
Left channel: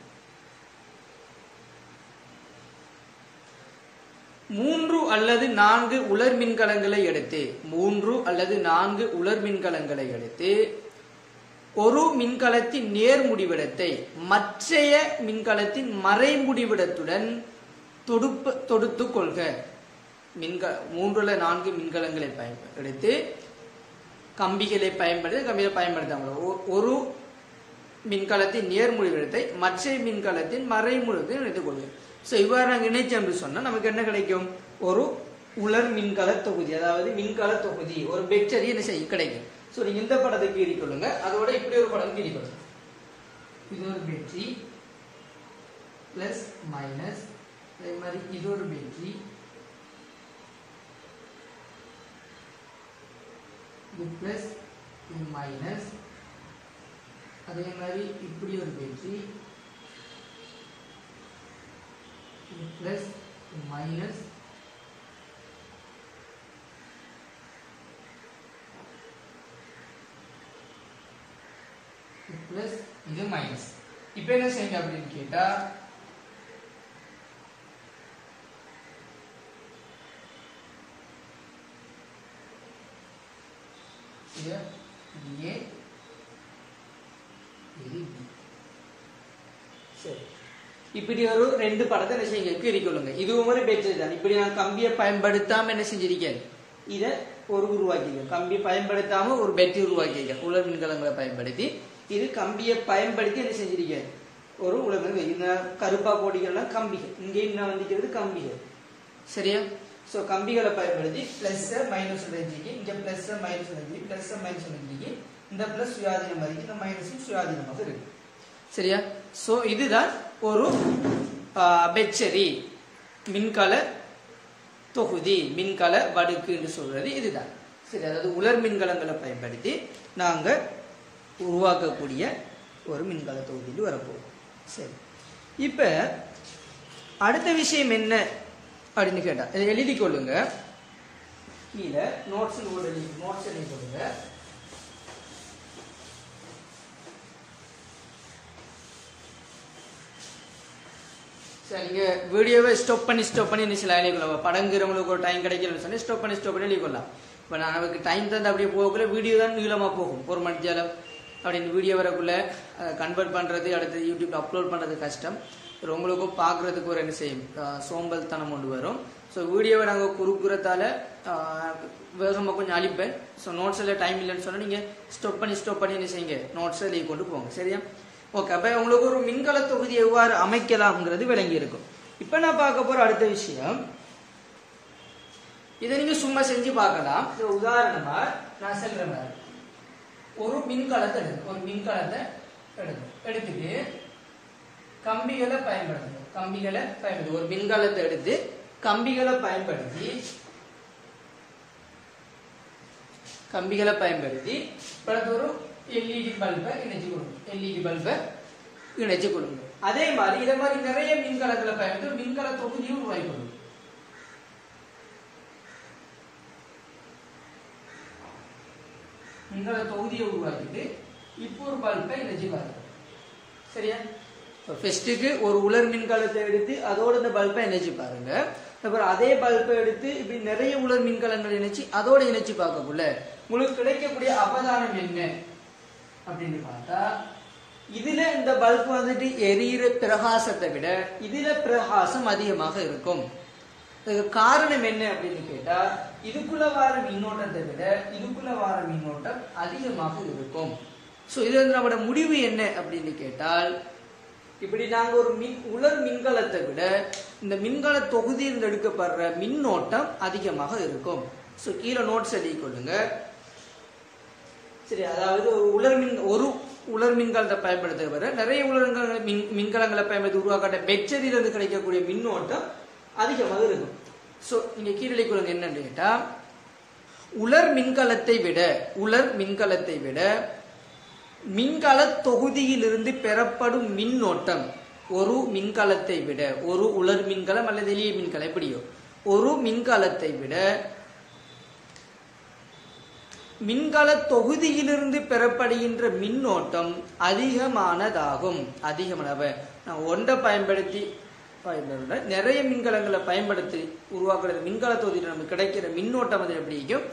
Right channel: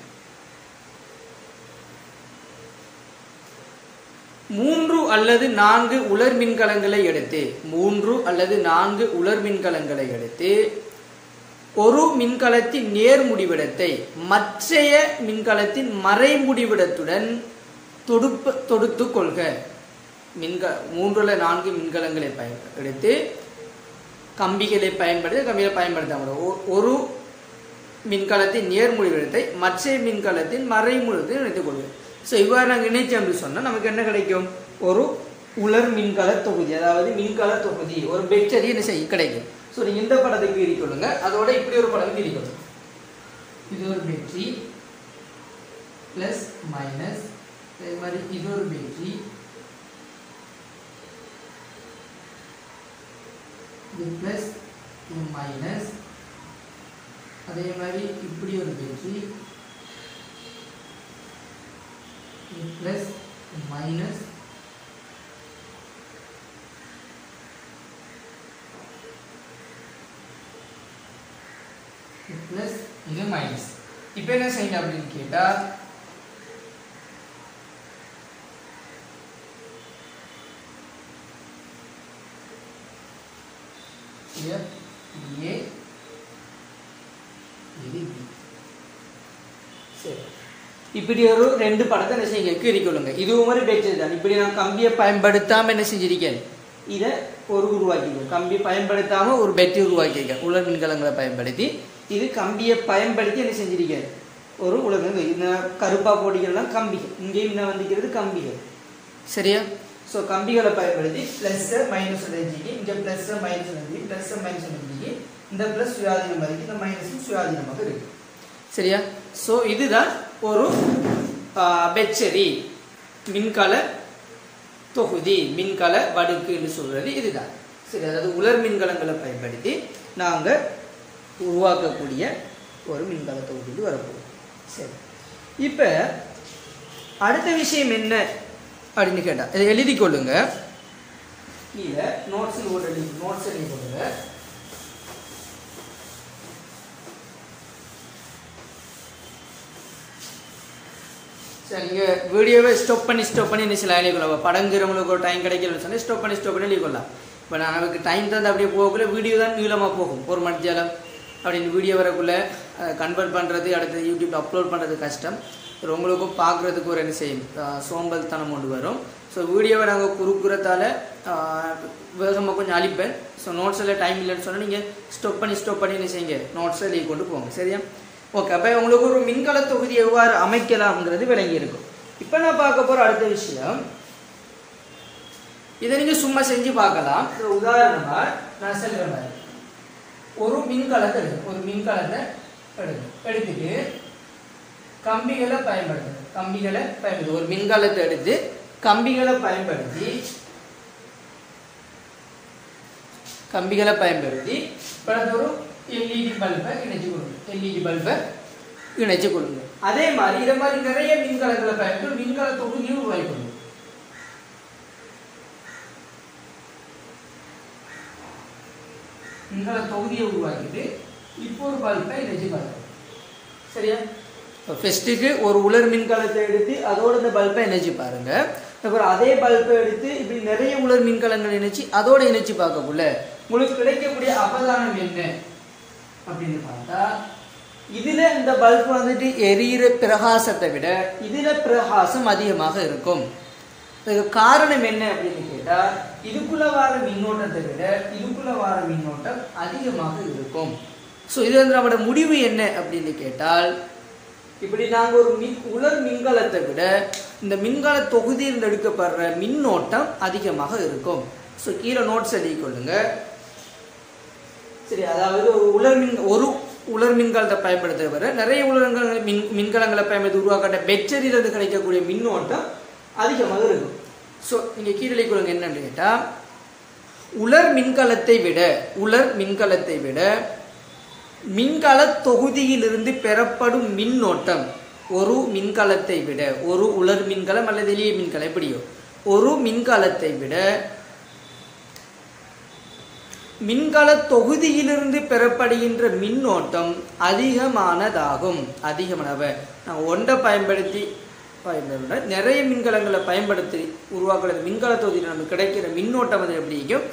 3 அல்லது 4 உலர் மின்கலங்களை எடுத்து ஒரு மின்கலத்தின் நேர் முடிவிடத்தை மற்றைய மின்கலத்தின் மறை முடிவிடத்துடன் தொடுத்து கொள்க. 3 அல்லது 4 மின்கலங்களை எடுத்து கம்பிகளை பயன்படுத்தாமல் ஒரு மின்கலத்தின் நேர் முடிவிடத்தை மற்ற மின்கலத்தின் மறை முடிவிடத்தை இணைத்துக் கொள்வது. ஸோ இவ்வாறு நாங்கள் இணைச்சோம் என்று சொன்னால் நமக்கு என்ன கிடைக்கும், ஒரு உலர் மின்கல தொகுதி, அதாவது மின்கல தொகுதி ஒரு பெச்சரி கிடைக்கும். ஸோ நீங்கள் இந்த படத்துக்கு கீறிக்கொள்ளுங்க, அதோட இப்படி ஒரு படம் கீறிக்கொள்ளுங்க. இது ஒரு பெட்ரி பிளஸ் மைனஸ், அதே மாதிரி இது ஒரு பெட்ரி, இது பிளஸ் இது மைனஸ், அதே மாதிரி இப்படி ஒரு பெட்ரி பிளஸ் மைனஸ், பிளஸ் இது மைனஸ். இப்ப என்ன செய்யணும் அப்படின்னு கேட்டா A இப்படி ஒரு 2 படத்தை என்ன செய்ய கீறிக்கொள்ளுங்க. இது ஒரு பெட்ரி தான். இப்படி நான் கம்பியை பயன்படுத்தாம என்ன செஞ்சிருக்கேன், இதை ஒரு உருவாக்கிடுவோம். கம்பியை பயன்படுத்தாம ஒரு பெட்ரி உருவாக்கியிருக்கேன் உலர் மின்கலங்களை பயன்படுத்தி. இது கம்பியை பயன்படுத்தி என்ன செஞ்சிருக்கேன், ஒரு உலர் இந்த கருப்பா போட்டிகள்லாம் கம்பிகள், இங்கேயும் என்ன வந்திருக்கிறது கம்பிகள். சரியா? ஸோ கம்பிகளை பயன்படுத்தி பிளஸ் மைனஸ் எழுதிக்கு, இங்கே பிளஸ் மைனஸ் எழுதி, பிளஸ் மைனஸ் எழுதிக்கு, இந்த பிளஸ் சுயாதீனமாக இருக்கு, இந்த மைனஸும் சுயாதீனமாக இருக்கு. சரியா? ஸோ இதுதான் ஒரு பெச்சரி மின்கல தொகுதி, மின்கல வடுக்கு என்று சொல்றது இதுதான். சரி, அதாவது உலர் மின்கலங்களை பயன்படுத்தி நாங்கள் உருவாக்கக்கூடிய ஒரு மின்கல தொகுதிக்கு வரப்போம். சரி, இப்போ அடுத்த விஷயம் என்ன அப்படின்னு கேட்டா இதை எழுதி கொள்ளுங்க. கீழே நோட்ஸ் எழுதி கொள்ளுங்க. நீங்க வீடியோவை ஸ்டாப் பண்ணி என்ன சில எழுதிக்கொள்ளலாம். படங்கிறவங்களுக்கு ஒரு டைம் கிடைக்கலன்னு சொன்னா ஸ்டாப் பண்ணி எழுதிக்கொள்ளலாம். இப்போ நமக்கு டைம் தந்து அப்படியே போகக்குள்ள வீடியோ தான் நீளமாக போகும், 1 மணி நேரம் அப்படின்னு வீடியோ வரக்குள்ள கன்வெர்ட் பண்ணுறது, அடுத்து யூடியூப்ல அப்லோட் பண்ணுறது கஷ்டம். உங்களுக்கும் பார்க்குறதுக்கு ஒரு என்ன செய்யும், சோம்பல் தனம் கொண்டு வரும். ஸோ வீடியோவை நாங்கள் குறுக்குறதால வேகமாக கொஞ்சம் அழிப்பேன். ஸோ நோட்ஸ் எல்லாம் டைம் இல்லைன்னு சொன்னால் நீங்கள் ஸ்டாப் பண்ணி என்ன செய்யுங்க, நோட்ஸை எழுதி கொண்டு போங்க. சரியா? ஓகே, அப்போ உங்களுக்கு ஒரு மின்கல தொகுதி எவ்வாறு அமைக்கலாம்ங்கிறது விளங்கி இருக்கும். இப்போ நான் பார்க்க போகிற அடுத்த விஷயம், இதை நீங்கள் சும்மா செஞ்சு பார்க்கலாம். உதாரணமாக நான் சொல்கிற மாதிரி ஒரு மின்கலத்தை எடுத்துட்டு கம்பிகளை பயன்படுத்தி ஒரு மின்கலத்தை எடுத்து கம்பிகளை பயன்படுத்தி ஒரு எல்இடி பல்பை இணைச்சு கொள்ளுங்க. அதே மாதிரி இதை மாதிரி நிறைய மின்கலங்களை பயன்படுத்தி மின்கல தொகுதியை உருவாக்கி கொள்ளுங்க. மின்கல தொகுதியை உருவாக்கிட்டு இப்போ ஒரு பல்பை இணைச்சு பாருங்க. சரியா? ஃபர்ஸ்ட்டுக்கு ஒரு உலர் மின்கலத்தை எடுத்து அதோட இந்த பல்பை இணைச்சு பாருங்க. அப்புறம் அதே பல்பை எடுத்து இப்படி நிறைய உலர் மின்கலங்கள் இணைச்சு அதோட இணைச்சு பார்க்கக்குள்ள உங்களுக்கு கிடைக்கக்கூடிய அவதானம் என்ன அப்படின்னு பார்த்தா, இதுல இந்த பல்ப் வந்துட்டு எரியிற பிரகாசத்தை விட இதுல பிரகாசம் அதிகமாக இருக்கும். இதுக்கு காரணம் என்ன அப்படின்னு கேட்டா, இதுக்குள்ள வர மின்னோட்டத்தை விட இதுக்குள்ள வர மின்னோட்டம் அதிகமாக இருக்கும். ஸோ இது வந்து நம்மளோட முடிவு என்ன அப்படின்னு கேட்டால், இப்படி நாங்கள் ஒரு உலர் மின்கலத்தை விட இந்த மின்கல தொகுதியில் எடுக்கப்படுற மின்னோட்டம் அதிகமாக இருக்கும். ஸோ கீழே நோட்ஸ் எழுதி கொள்ளுங்க. சரி, அதாவது ஒரு உலர் மின்கலத்தை பயன்படுத்த வர நிறைய மின்கலங்களை பயன்படுத்தி உருவாக்கப்பட்ட பேட்டரியிலிருந்து கிடைக்கக்கூடிய மின்னோட்டம் அதிகமாக இருக்கும். ஸோ நீங்க கீழே எழுதி கொள்ளுங்க. என்னன்னு கேட்டா, உலர் மின்கலத்தை விட மின்கல தொகுதியிலிருந்து பெறப்படும் மின்னோட்டம் ஒரு மின்கலத்தை விட, ஒரு உலர் மின்கலம் அல்லது எளிய மின்கலம் எப்படியோ, ஒரு மின்கலத்தை விட மின்கல தொகுதியிலிருந்து பெறப்படுகின்ற மின்னோட்டம் அதிகமானதாகும். நான் ஒன்றை பயன்படுத்தி நிறைய மின்கலங்களை பயன்படுத்தி உருவாக்குற மின்கல தொகுதியில் நமக்கு கிடைக்கிற மின்னோட்டம் வந்து எப்படியும்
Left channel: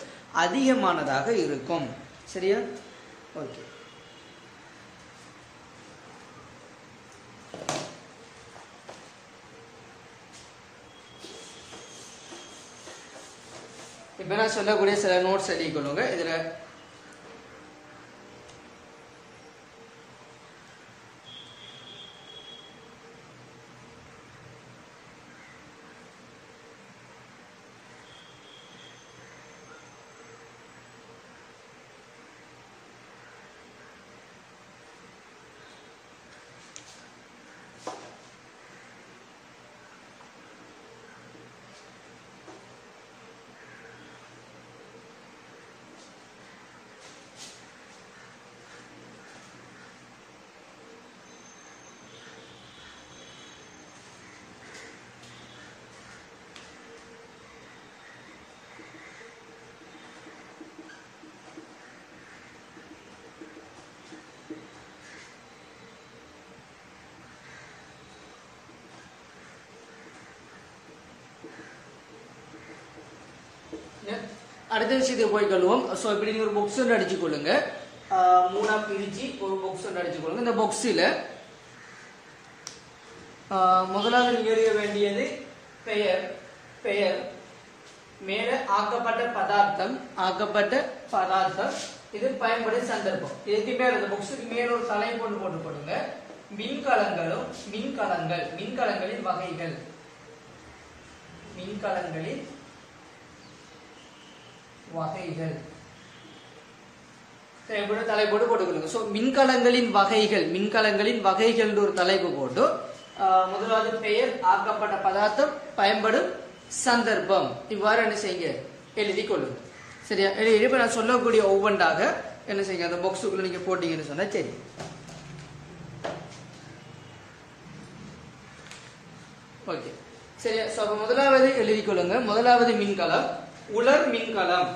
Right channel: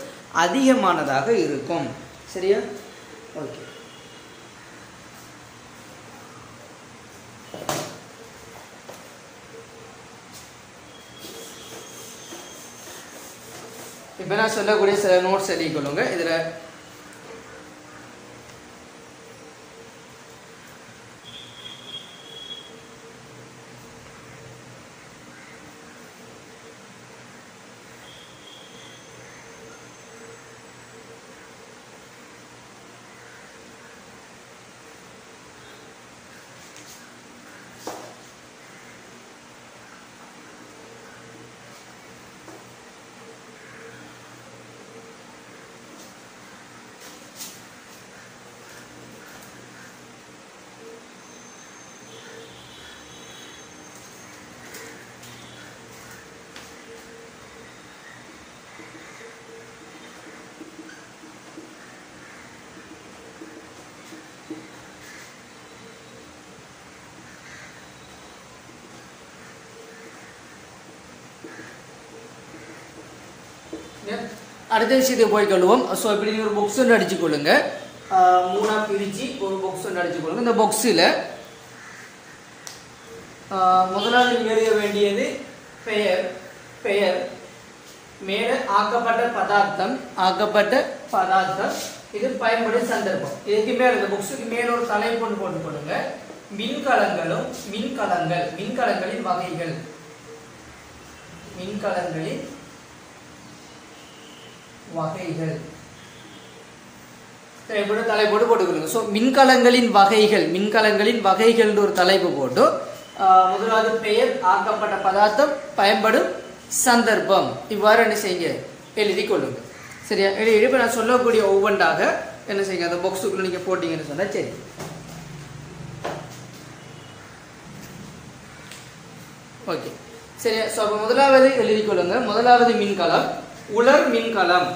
அதிகமானதாக இருக்கும். சரியா? ஓகே. இப்ப நான் சொல்லக்கூடிய சில நோட்ஸ் எழுதி கொள்ளுங்க. இதுல அடுத்த விஷயத்துக்கு போய் கொள்வோம். ஸோ இப்படி ஒரு பாக்ஸ் ஒன்று அடிச்சு கொள்ளுங்க. 3ஆ பிரிச்சு ஒரு பாக்ஸ் ஒன்று அடிச்சு கொள்ளுங்க. இந்த பாக்ஸில் முதலாவது எழுத வேண்டியது பெயர், மேல ஆக்கப்பட்ட பதார்த்தம், இது பயன்படும் சந்தர்ப்பம். இதுக்கு மேல இந்த பாக்ஸுக்கு மேல ஒரு தலைப்பு போட்டு கொடுங்க. மின்கலங்களின் வகைகள், தலைப்போடு போட்டுக்கொள்ளுங்க. ஸோ மின்கலங்களின் வகைகள் ஒரு தலைப்பு போட்டு முதலாவது பெயர், ஆக்கப்பட்ட பதார்த்தம், பயன்படும் சந்தர்ப்பம், இவ்வாறு என்ன செய்யுங்க எழுதி கொள்ளுங்க. சரியா? இப்ப நான் சொல்லக்கூடிய ஒவ்வொன்றாக என்ன செய்யுங்க அந்த பாக்ஸுக்குள்ள நீங்க போட்டீங்கன்னு சொன்னா சரி. ஓகே, சரியா? ஸோ அப்போ முதலாவது எழுதி கொள்ளுங்க. முதலாவது மின்கலம் உலர் மின்கலம்.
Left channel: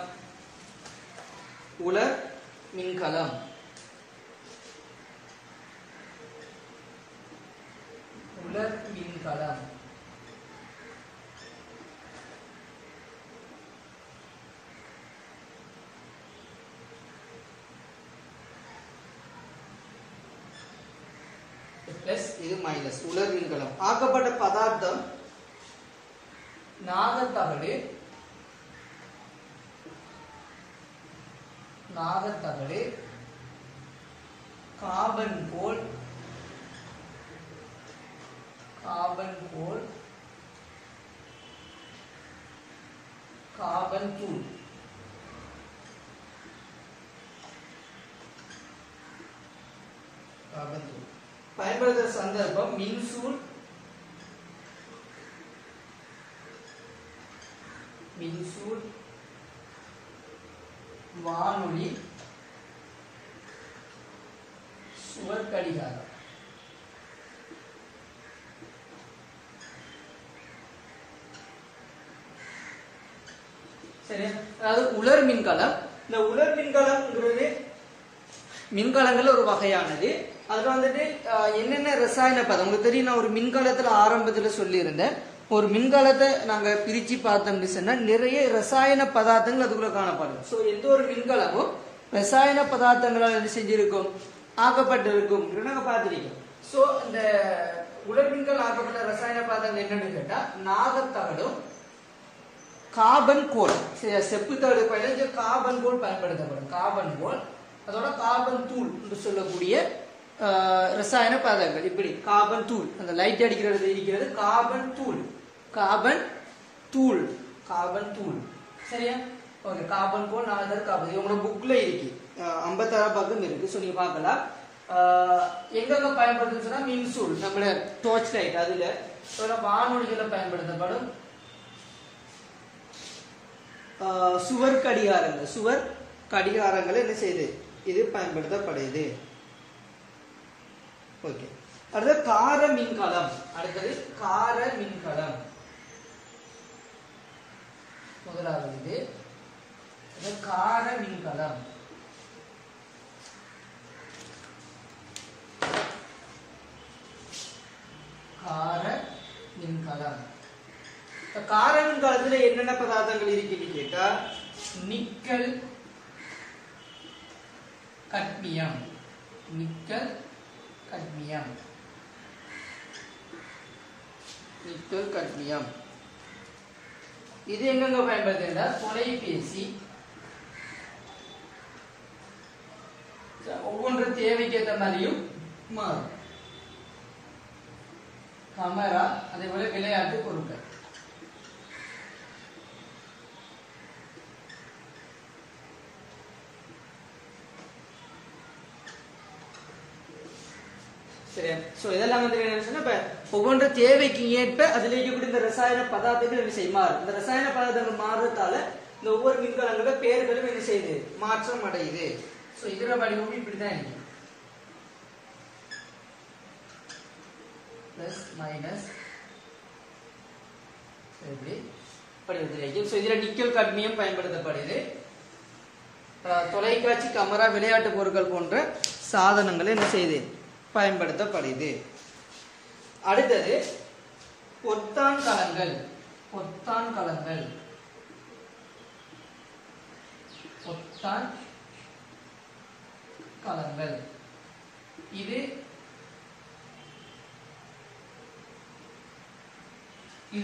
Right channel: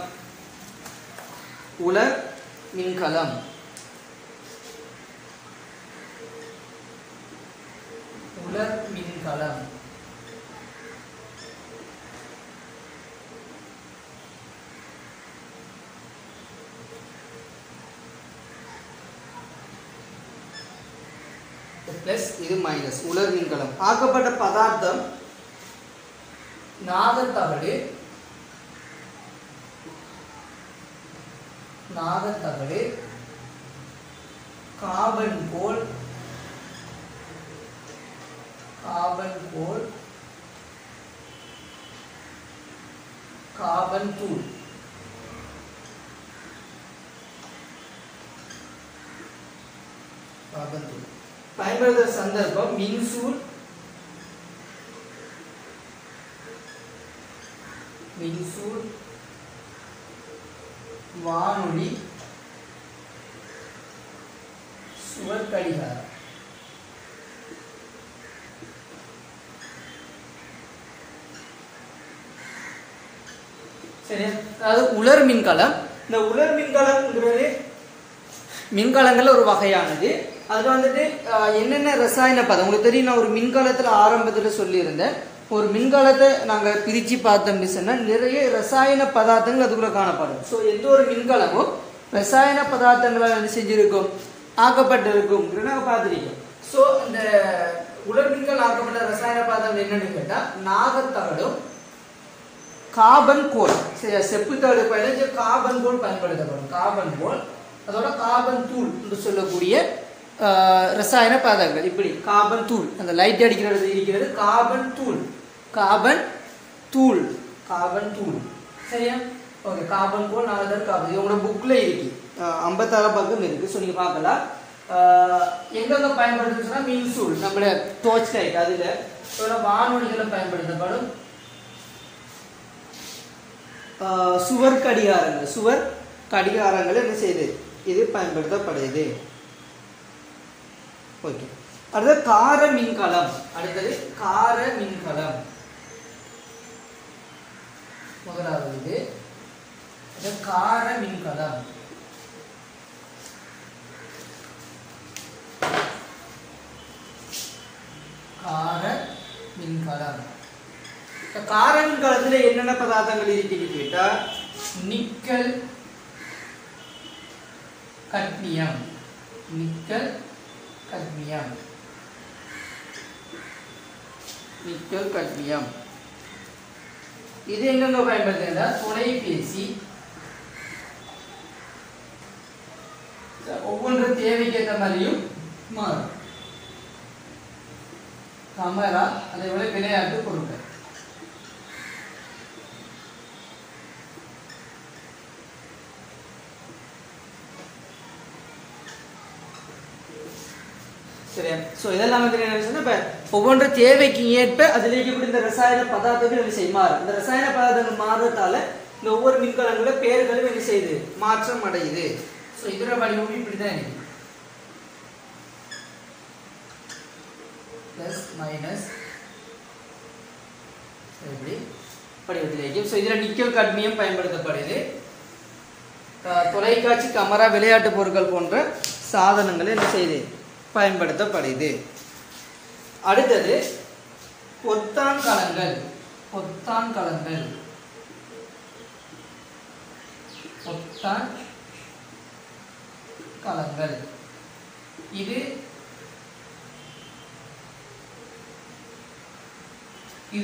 பிளஸ் இது மைனஸ். உலர் மின்கலம். ஆக்கப்பட்ட பதார்த்தம் நாகத்தகடு, கார்பன் கோல், கார்பன் தூள். பயன்படுத்துகிற சந்தர்ப்பம் மின்சூல், வானொலி, சுவர் கடிகாரம். சரி, அதாவது உலர் மின்கலம். இந்த உலர் மின்கலம்ங்கிறது மின்கலங்கள் ஒரு வகையானது. அது வந்துட்டு என்னென்ன ரசாயன பதம் உங்களுக்கு தெரியும். நான் ஒரு மின்கலத்துல ஆரம்பத்துல சொல்லியிருந்தேன். ஒரு மின்கலத்தை நாங்க பிரிச்சு பார்த்தோம் சொன்னா நிறைய ரசாயன பதார்த்தங்கள் அதுக்குள்ள காணப்படும். ஸோ எந்த ஒரு மின்கலமும் ரசாயன பதார்த்தங்களால் என்ன செஞ்சிருக்கும், ஆக்கப்பட்டிருக்கும் பார்த்திருக்கோம். ஸோ இந்த உலர்மின்கள் ஆக்கப்பட்ட ரசாயன பதார்த்தம் என்னன்னு கேட்டா நாகத்தகடும் கார்பன் கோல். செப்பு தகடு பயணிச்சு கார்பன் கோல் பயன்படுத்தப்படும். கார்பன் கோல் அதோட கார்பன் தூள் என்று சொல்லக்கூடிய ரசாயன பதார்த்தங்கள். இப்படி கார்பன் தூள் அந்த லைட் அடிக்கிறது இருக்கிறது கார்பன் தூள். கார்பன் தூள் கார்பன் தூள் சரியா. ஓகே கார்பன் கோல் 4 தடவை கார்பன். இது உங்களோட புக்ல இருக்கு 56 பக்கம் இருக்கு. ஸோ நீங்க பார்க்கலாம். எங்க பயன்படுத்துன்னு சொன்னா மின்சூல் நம்மளோட டோர்ச் லைட் அதுல வானொலிகளை பயன்படுத்தப்படும். சுவர் கடிகாரங்கள் என்ன செய்யுது, இது பயன்படுத்தப்படுது. ஓகே அடுத்தது கார மின்கலம். முதலாவது கார மின்கலம். கார மின்கலத்துல என்னென்ன பதார்த்தங்கள் இருக்குன்னு கேட்டா நிக்கல் கட்மியம். இது எங்க பயன்படுத்துறதா தொலைபேசி ஒவ்வொரு தேவைக்கு ஏற்ற மாதிரியும் மாறும். கேமரா அதே போல விளையாட்டு பொருட்கள். சரியா. சோ இதெல்லாம் வந்து என்ன சொன்னா இப்ப ஒவ்வொரு தேவைக்கு ஏற்ப அதில் இருக்கக்கூடிய இந்த ரசாயன பதார்த்தங்கள் என்ன செய்யும் மாறும். இந்த ரசாயன பதார்த்தங்கள் மாறுறதால இந்த ஒவ்வொரு மின்கலங்களோட பெயர்களும் என்ன செய்யுது, மாற்றம் அடையுது. சோ இதோட வடிவம் இப்படிதான் இருக்கு. பிளஸ் மைனஸ் இப்படி படிவத்தில் இருக்கு. சோ இதுல நிக்கல் காட்மியம் பயன்படுத்தப்படுது. தொலைக்காட்சி கேமரா விளையாட்டு பொருட்கள் போன்ற சாதனங்கள் என்ன செய்யுது பயன்படுத்தப்படுது. அடுத்தது பொத்தான் கலங்கள். இது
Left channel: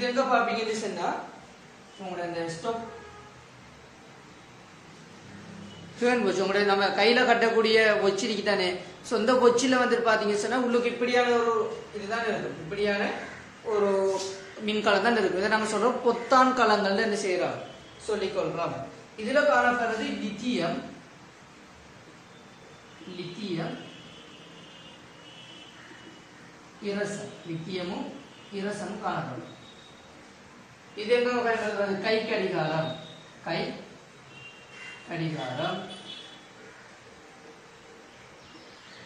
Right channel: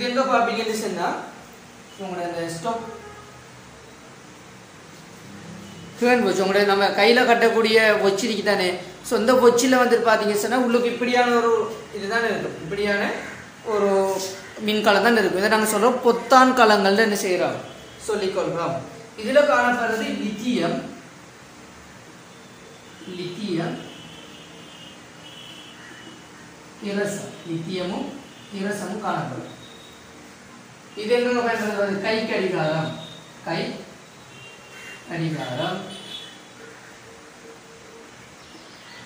எங்க பாப்பீங்கன்னு சொன்னா உங்களோட ஸ்டாப் உங்களுடைய நம்ம கையில கட்டக்கூடிய ஒச்சிரிக்கு தானே. ஸோ இந்த ஒச்சில வந்து பாத்தீங்கன்னு சொன்னா உள்ளுக்கு இப்படியான ஒரு இதுதான் இருக்கும். இப்படியான ஒரு மின்கலம் தான் இருக்கும். இதை நாங்க சொல்றோம் பொத்தான் கலங்கள் என்ன செய்யறோம் சொல்லிக்கொள்றோம். இதுல காணப்படுறது லித்தியம் இரசம். லித்தியமும் இரசமும் காணப்படும். இது எங்க பயன்படுத்துவது கை கடிகாரம்.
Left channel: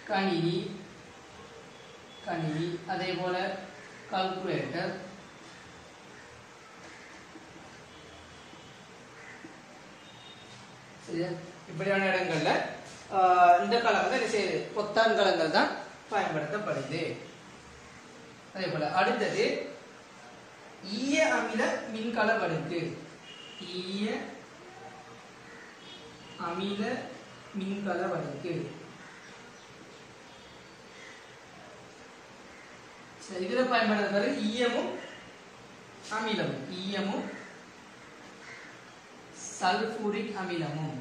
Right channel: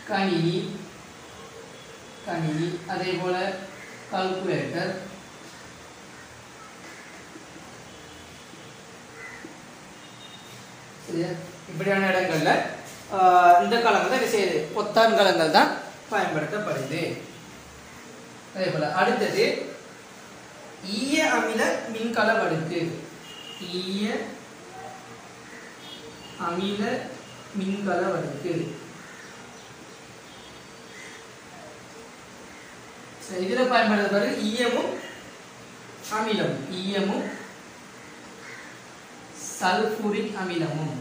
கணினி அதே போல கால்குலேட்டர். இப்படியான இடங்கள்ல இந்த கலங்கள் தான் செய்யுது பொத்தான் கலங்கள் தான் பயன்படுத்தப்படுது. அதே போல அடுத்தது ஈய அமில மின்கல வடுக்கு. இதுல பயன்படுத்தப்படுறது ஈயமும் சல்பூரிக் அமிலமும்.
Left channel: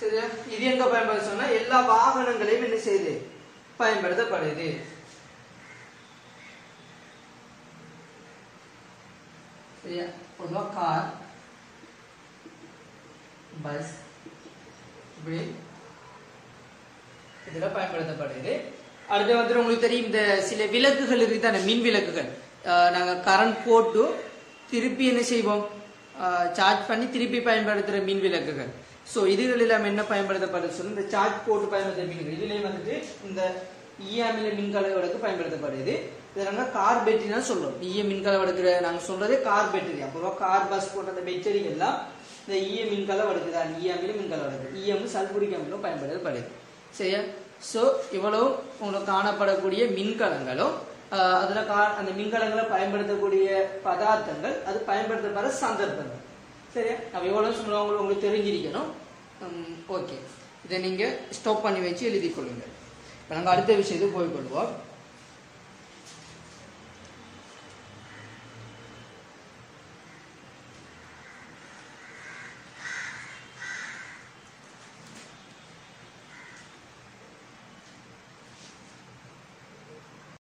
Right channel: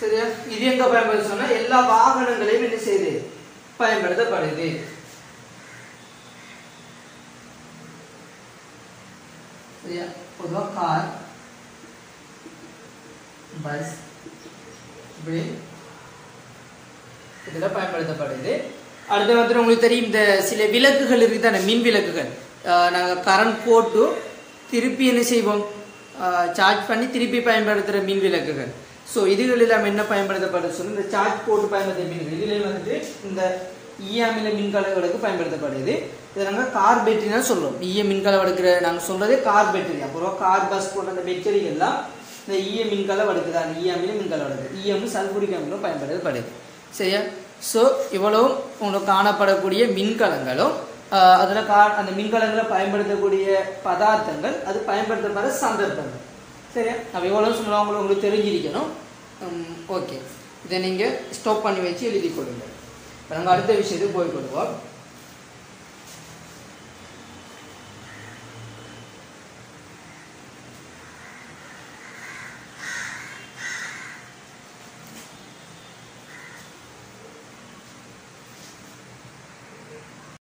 சரியா. இது எங்க பயன்படுத்த சொன்னா எல்லா வாகனங்களையும் என்ன செய்யுது பயன்படுத்தப்படுது. சரியா. பொதுவா கார், பஸ், இதுல பயன்படுத்தப்படுது. அடுத்து வந்து உங்களுக்கு தெரியும் இந்த சில விளக்குகள் இருக்கு தானே, மின் விளக்குகள். நாங்க கரண்ட் போட்டு திருப்பி என்ன செய்வோம் சார்ஜ் பண்ணி திருப்பி பயன்படுத்துற மின் விளக்குகள். ஸோ இதுகள் எல்லாம் என்ன பயன்படுத்தப்படுது சொல்லி இந்த சார்ஜ் போட்டு பயன்படுத்துற மின்கள். இதுல வந்துட்டு இந்த ஈய அமில மின்கலங்களுக்கு பயன்படுத்தப்படுது. இதை நாங்கள் கார் பேட்டரி தான் சொல்றோம். ஈய மின்கலம் எடுக்கிற நாங்கள் சொல்றது கார் பேட்டரி. அப்புறம் கார் பஸ் போன்ற அந்த பேட்டரிகள்லாம் இந்த ஈயம் மின்கலம் அடுக்குதான் ஈயமிலும் மின்கலம் அடுக்கு ஈயம் சல்பூரிக் அமிலம் பயன்படுத்தப்படுது சரியா ஸோ இவ்வளவு உங்களுக்கு காணப்படக்கூடிய மின்கலங்களும் அதில் அந்த மின்கலங்களை பயன்படுத்தக்கூடிய பதார்த்தங்கள் அது பயன்படுத்தப்படுற சந்தர்ப்பங்கள் சரியா நம்ம எவ்வளோ சொல்லுவாங்க உங்களுக்கு தெரிஞ்சிருக்கணும் ஓகே இதை நீங்கள் ஸ்டாப் பண்ணி வச்சு எழுதி கொள்ளுங்கள் இப்போ நாங்கள் அடுத்த விஷயத்தை போய்விடுவோம்